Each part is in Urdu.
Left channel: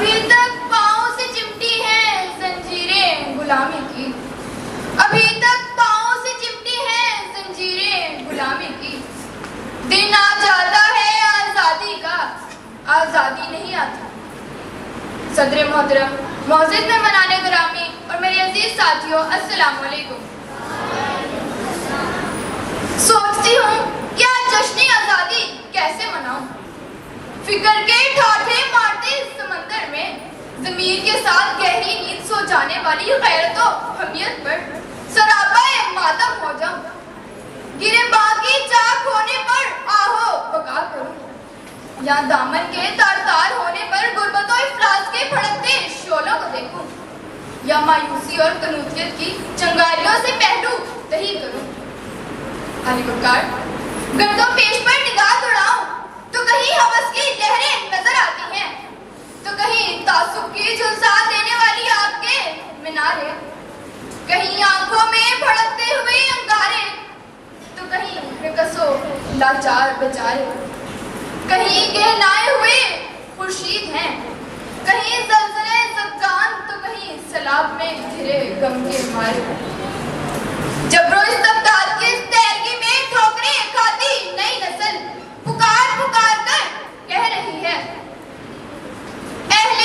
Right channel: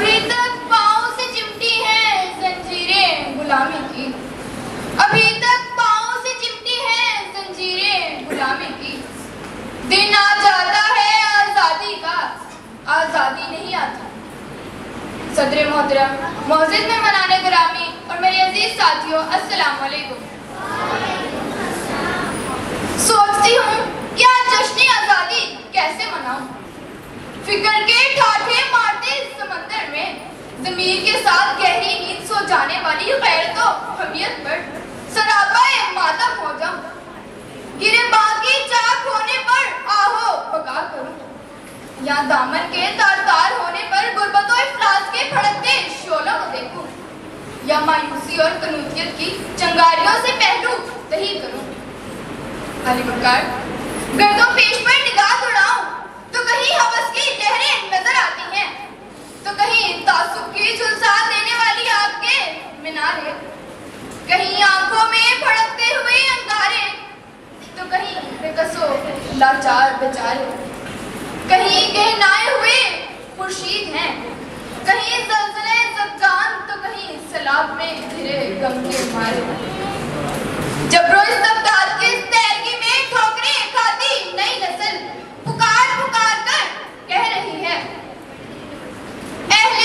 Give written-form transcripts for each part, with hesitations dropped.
ابھی تک پاؤں سے چمٹی ہے زنجیریں غلامی کی، ابھی تک پاؤں سے چمٹی ہے زنجیریں غلامی کی۔ دن آ جاتا ہے آزادی کا، آزادی نہیں آتی۔ صدر محترم، معزز مہمانان گرامی اور میرے عزیز ساتھیوں، السلام علیکم۔ سوچتی ہوں کہ آج جشن آزادی کیسے مناؤں۔ فکر کے ٹھاٹھے مارتے اس سمندر میں ضمیر کے ساتھ گہری نیند سو جانے والی غیرت و حمیت پر سراپا ماتم ہو جاؤں۔ گرے باغی چاک ہونے پر آہو بکا کروں، یا دامن کے تار تار ہونے پر غربت و افلاس کے بھڑکتے شعلوں کو دیکھوں، یا مایوسی اور تنوعیت کی چنگاریوں سے پہلو وہی کروں۔ علی بکار گردوں پیش پر نگاہ دوڑاؤں تو کہیں ہوس کی لہریں نظر آتی ہیں، تو کہیں تعصب کی جھلسا دینے والی آگ کے مینارے، کہیں آنکھوں میں بھڑکتے ہوئے انگارے، تو کہیں بےکس و لاچار بیچارے، کہیں گہنائے ہوئے خورشید ہیں، کہیں زلزلے زدگان، تو کہیں سیلاب میں گھرے غم کے مارے۔ جبرو استبداد کے اس تحریک میں ٹھوکریں کھاتی نئی نسل پکار پکار کر کہہ رہی ہے، اہل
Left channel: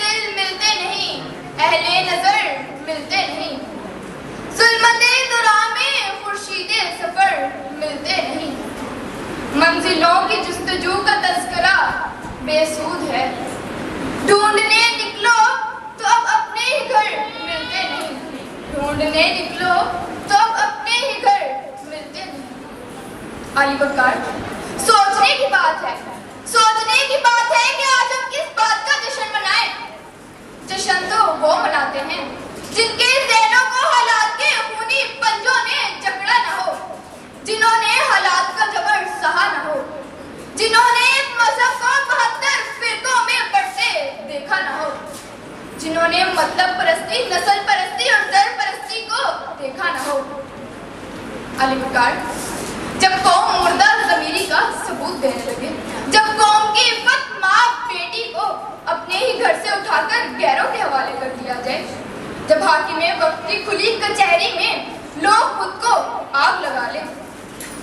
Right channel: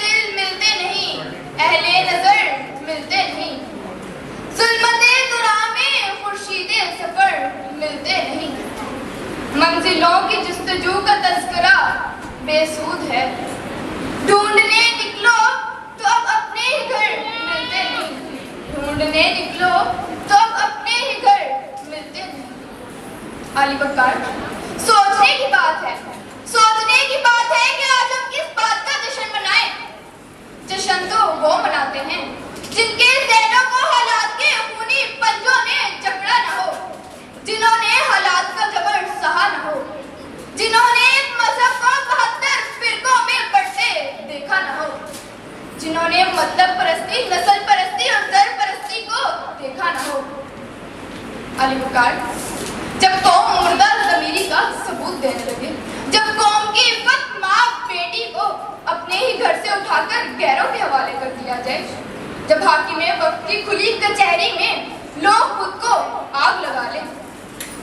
دل ملتے نہیں، اہل نظر ملتے نہیں، ظلمت ظلام میں خورشید سفر ملتے نہیں۔ منزلوں کی جستجو کا تذکرہ بے سود ہے، ڈھونڈنے نکلو تو اب اپنے ہی گھر ملتے نہیں، ڈھونڈنے نکلو تو اب اپنے ہی گھر ملتے نہیں۔ علی بکار سوچنے کی بات ہے، سوچنے کی بات ہے کہ آج ہم کس بات کا جشن منائیں۔ جشن تو وہ مناتے ہیں جن کے ذہنوں کو حالات کے خونی پنجوں نے جکڑا نہ ہو، جنہوں نے حالات کا جبر سہا نہ ہو، جنہوں نے مذہب کو 72 فرقوں میں بٹتے دیکھا نہ ہو، جنہوں نے مطلب پرستی، نسل پرستی اور زر پرستی کو دیکھا نہ ہو۔ علی بکار جب قوم مردہ ضمیری کا ثبوت دینے لگے، جب قوم کی عفت ماں بیٹی کو اپنے ہی گھر سے اٹھا کر غیروں کے حوالے کر دیا جائے، جب حاکم وقت کی کھلی کچہری میں لوگ خود کو آگ لگا لیں،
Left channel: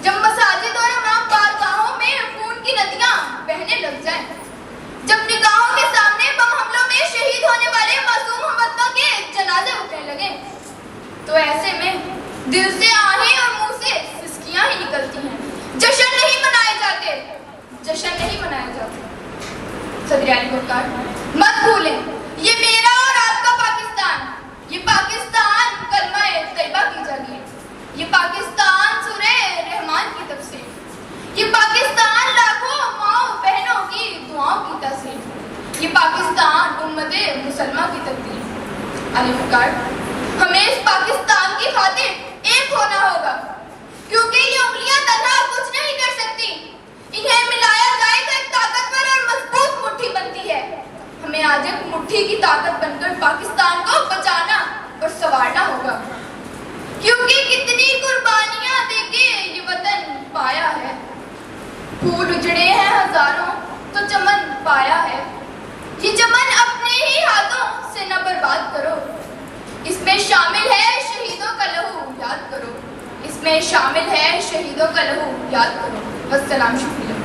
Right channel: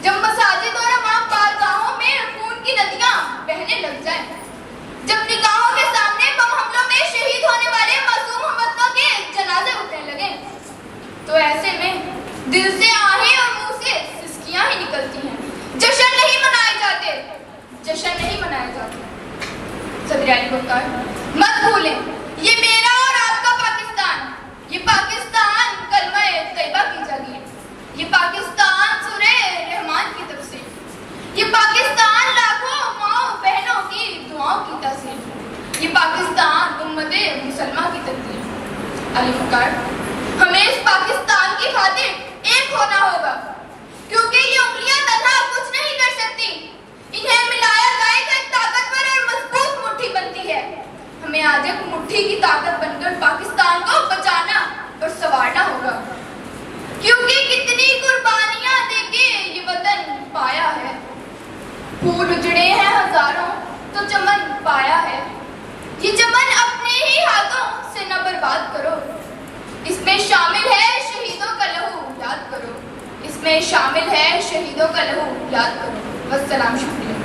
جب مساجد اور امام بارگاہوں میں خون کی ندیاں بہنے لگ جائیں، جب نگاہوں کے سامنے بم حملوں میں شہید ہونے والے معصوم ہمداں کے جنازے اٹھنے لگے، تو ایسے میں دل سے آہیں اور منہ سے سسکیاں ہی نکلتی ہیں۔ جشن نہیں منائے جاتے، جشن نہیں منائے جاتے۔ صدر علی بکار مت بھولیں، یہ میرا اور آپ کا پاکستان، یہ پاکستان کلمہ طیبہ کی جاگیر، یہ پاکستان سورہ رحمان کی تفسیر، یہ پاکستان لاکھوں ماؤں بہنوں کی دعاؤں کی تاثیر، یہ پاکستان امت مسلمہ کی تقدیر۔ علی بکار ہمیں اس پاکستان کی خاطر ایک ہونا ہوگا، کیونکہ یہ انگلیاں تنہا کچھ نہیں کر سکتی، انہیں ملایا جائے تو ایک طاقتور اور مضبوط مٹھی بنتی ہے۔ ہمیں آج ایک مٹھی کی طاقت بن کر پاکستان کو بچانا اور سنوارنا ہوگا، کیونکہ کتنی قربانیاں دے کے یہ وطن پایا ہے، پھول اجڑے ہیں ہزاروں تو چمن پایا ہے، یہ چمن اپنے ہی ہاتھوں سے نہ برباد کرو، اس میں شامل ہے شہیدوں کا لہو یاد کرو، اس میں شامل ہے شہیدوں کا لہو یاد کرو۔ والسلام، شکریہ۔